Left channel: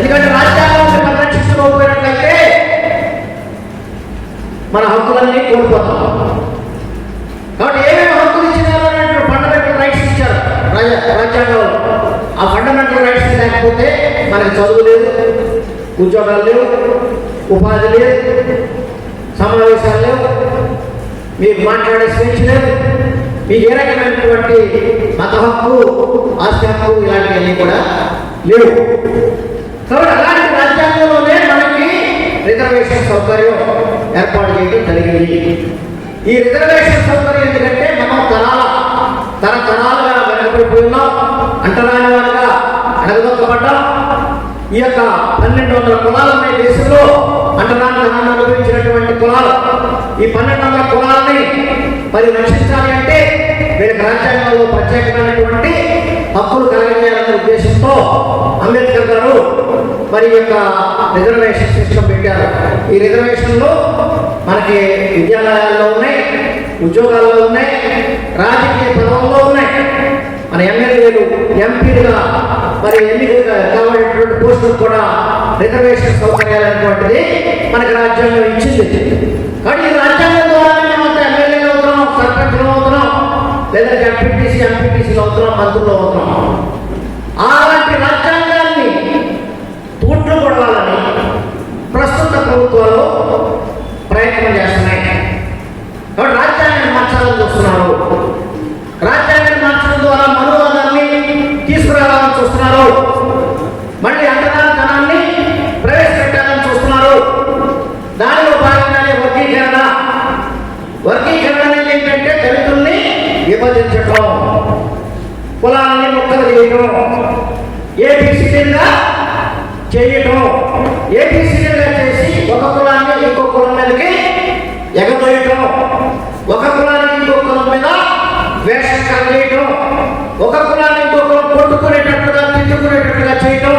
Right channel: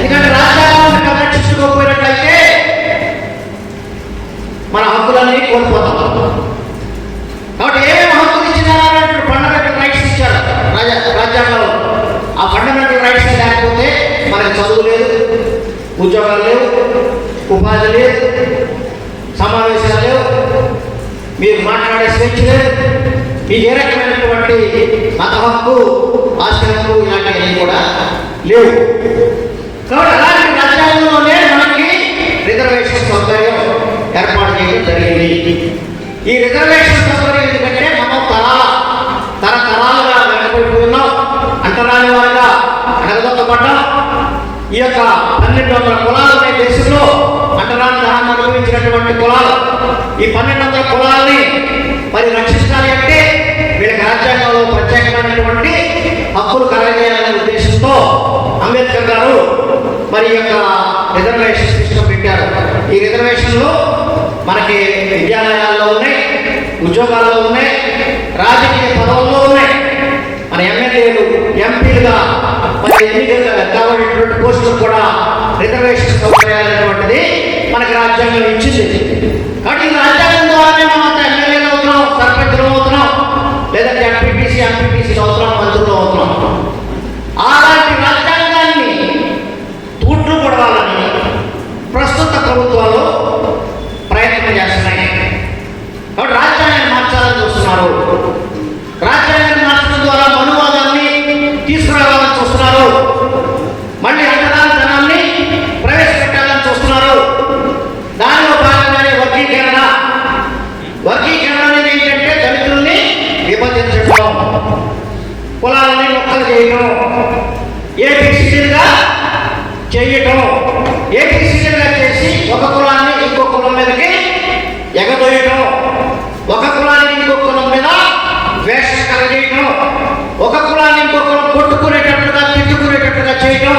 ఎందుకంటే రాజ్యాంగాన్ని పరిరక్షించుకోకపోయినట్లయితే మన హక్కులన్నీ కోల్పోతాం. కాబట్టి ఏమేమి హక్కులు ఇచ్చినా ఫండమెంటల్ రైట్స్ ఇచ్చారు రాజ్యాంగంలో. ఆ ఫండమెంటల్ రైట్స్ లేకపోతే మనకి చదువు లేదు, ఉద్యోగాలు లేవు, ఉపాధి లేదు, సమావేశాలు లేవు, మీరు మాట్లాడే స్వేచ్ఛ లేదు, మీకు ఏ రకమైనటువంటి మత హక్కు, ఆస్తి హక్కు ఇలాంటివన్నీ కూడా లేవు. కాబట్టి అలాంటి రాజ్యాంగంలోనే మనకి రిజర్వేషన్ సౌకర్యం ఏర్పాటు చేయడం జరిగింది. ఈ రిజర్వేషన్ సౌకర్యం ఎందుకంటే మనం తరతరాలుగా వెనకబడిపోయినాం, అంటరాని వారిగా అడగదొక్కబడ్డాం. ఈ యొక్క 1200 కులాలు ఉన్న దేశంలో అంటరాని ధనాన్ని అనుభవించినటువంటి కులాలు, ఈ 1200 కులాలని మరి రక్షించాలి అంటే వీళ్ళకి రాజ్యాంగంలో ప్రత్యేకమైనటువంటి హక్కులు కలగజేయాలనే ఉద్దేశంతో అంబేద్కర్ గారు మరి యొక్క రిజర్వేషన్ సిస్టమ్ పెట్టారు. ఈ రిజర్వేషన్లు మనకి విద్యాలయాల్లో ఉన్నాయి, ఉద్యోగాల్లో ఉన్నాయి, రాజకీయ పదవుల్లో ఉన్నాయి. మన ఎమ్మెల్యేలు, ఎంపీలుగా మరి ఎన్నికలుగా కావాల్సినటువంటి పోస్టులు కూడా రిజర్వేషన్ సౌకర్యాలనేటువంటిది మనకి రాజ్యాంగం ఇచ్చింది. కానీ ఈ రాజ్యాంగం ద్వారానే మనం అంత ఎమ్మెల్యేలు అవుతున్నాం, సర్పంచులు అవుతున్నాం, లేదంటే ఎంపీటీసీ అవుతున్నాం, మంత్రులు అవుతున్నాం. అలాంటి రాజ్యాంగాన్ని తూట్లు పడవాలని ప్రస్తుత ప్రభుత్వాలు ప్రయత్నం చేస్తున్నాయి. కాబట్టి రాజ్యాంగాన్ని మార్చాలని చూస్తున్నారు. రాజ్యాంగాన్ని మార్చడం ద్వారా మనువాదాన్ని తీసుకురావాలని చూస్తున్నారు. మళ్ళీ అంటరానితనాన్ని ప్రవేశపెట్టాలని చూస్తున్నారు. దానిలో భాగంగానే వర్గీకరణ అనేది ఏంటంటే దళితుల్ని విభజించడం, కులాలని ముక్కలు చేయడం, ఏబిసిడీలుగా చేయటం, ఏబిసిడీలుగా చేసి ఒక కులాన్ని ఇంకో కులం మీదకి ఎగదోయటం, ఒక కులానికి ఇంకో కులం మీద ద్వేషం కలగజేయటం, ఒక కులాన్ని ఇంకో కులం కొట్టుకునేటట్టుగా తిట్టుకునేటట్టుగా చేయటం.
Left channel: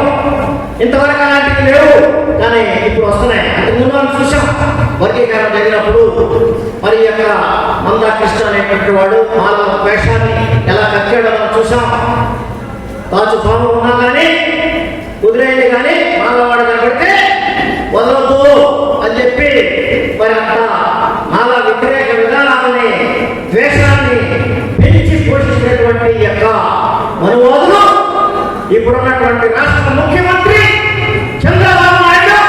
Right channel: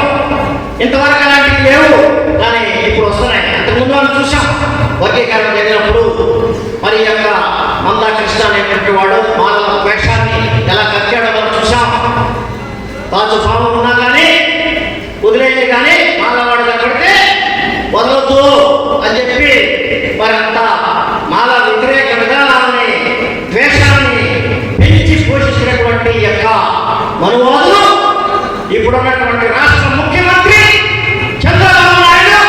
ఇంతవరకు అలాంటివి లేవు, కానీ ఇప్పుడు వస్తున్నాయి. అంతకుముందు మనం చూసాం వర్గీకరణ జరిగినప్పుడు మరి యొక్క మందా కృష్ణ అనేటువంటి వాడు మానవ ద్వేషాన్ని ఎలా కక్కాడో మనం చూసాం. తాజు స్వామి ఉన్నా కానీ వదిలేయండి, కానీ మానవాడు కనబడితే వదలొద్దు అని చెప్పి మరి అంత మానవ వ్యతిరేక విధానాలని, ద్వేషాన్ని పెంచి పోషించినటువంటి యొక్క మనువాదులు ఇప్పుడున్నటువంటి రాష్ట్ర ముఖ్యమంత్రి చంద్రబాబు నాయుడు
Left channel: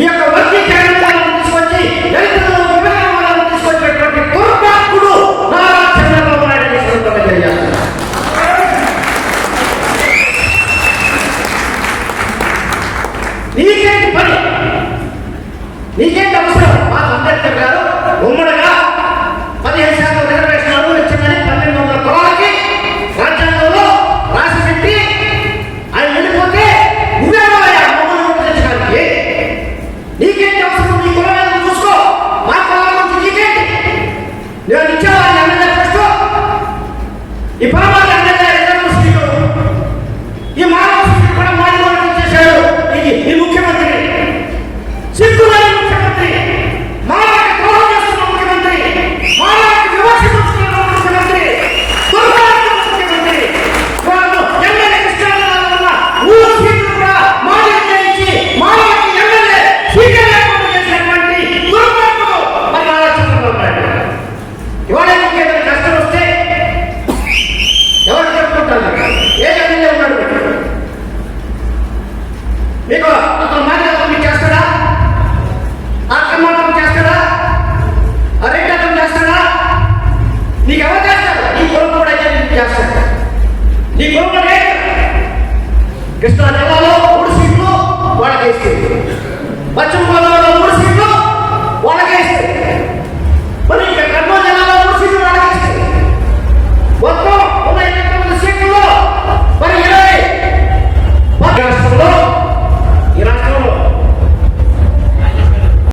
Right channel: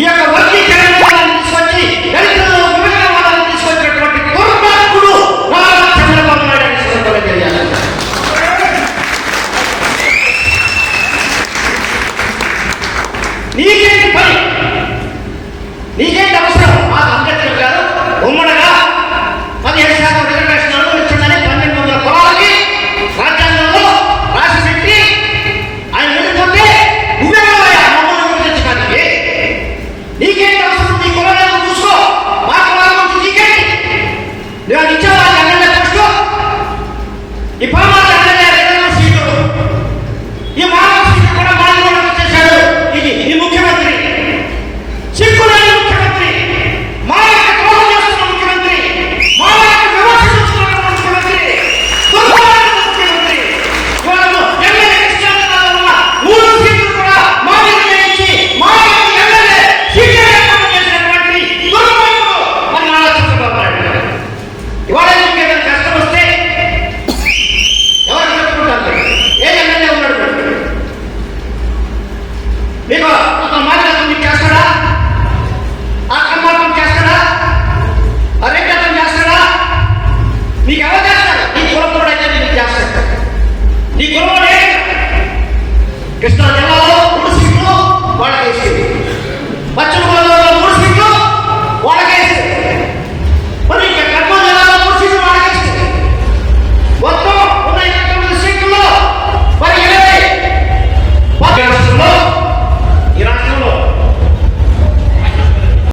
ఈ యొక్క వర్గీకరణ తీసుకొచ్చి దళితులను విభజన తీసుకొచ్చినటువంటి దుర్మార్గుడు చంద్రబాబు నాయుడు తెలియాలి. నీకేంటి పని, నీకేంటి అవసరం? మా అంబేద్కర్ గారు ఉమ్మడిగా 15% రిజర్వేషన్లు ఇచ్చిందని 1200 కులాలకి రాజ్యాంగంలో రాసి పెట్టి ఆయన వెళ్ళిపోతే నువ్వే విభజించడానికి నీకేంటి అవసరం? నీ కులాలను చూసుకో, మా కులాల నుంచి నీకేంటి? నువ్వు ఇచ్చేవా ఎమ్మెల్యే చూసుకో. ఈ పరమాత్మ సీట్లు, ఈ మానవ సీట్లు కూడా మానవ చేశాడు ఈ ముఖ్యమంత్రి, సిగ్గులేని ముఖ్యమంత్రి. కృష్ణా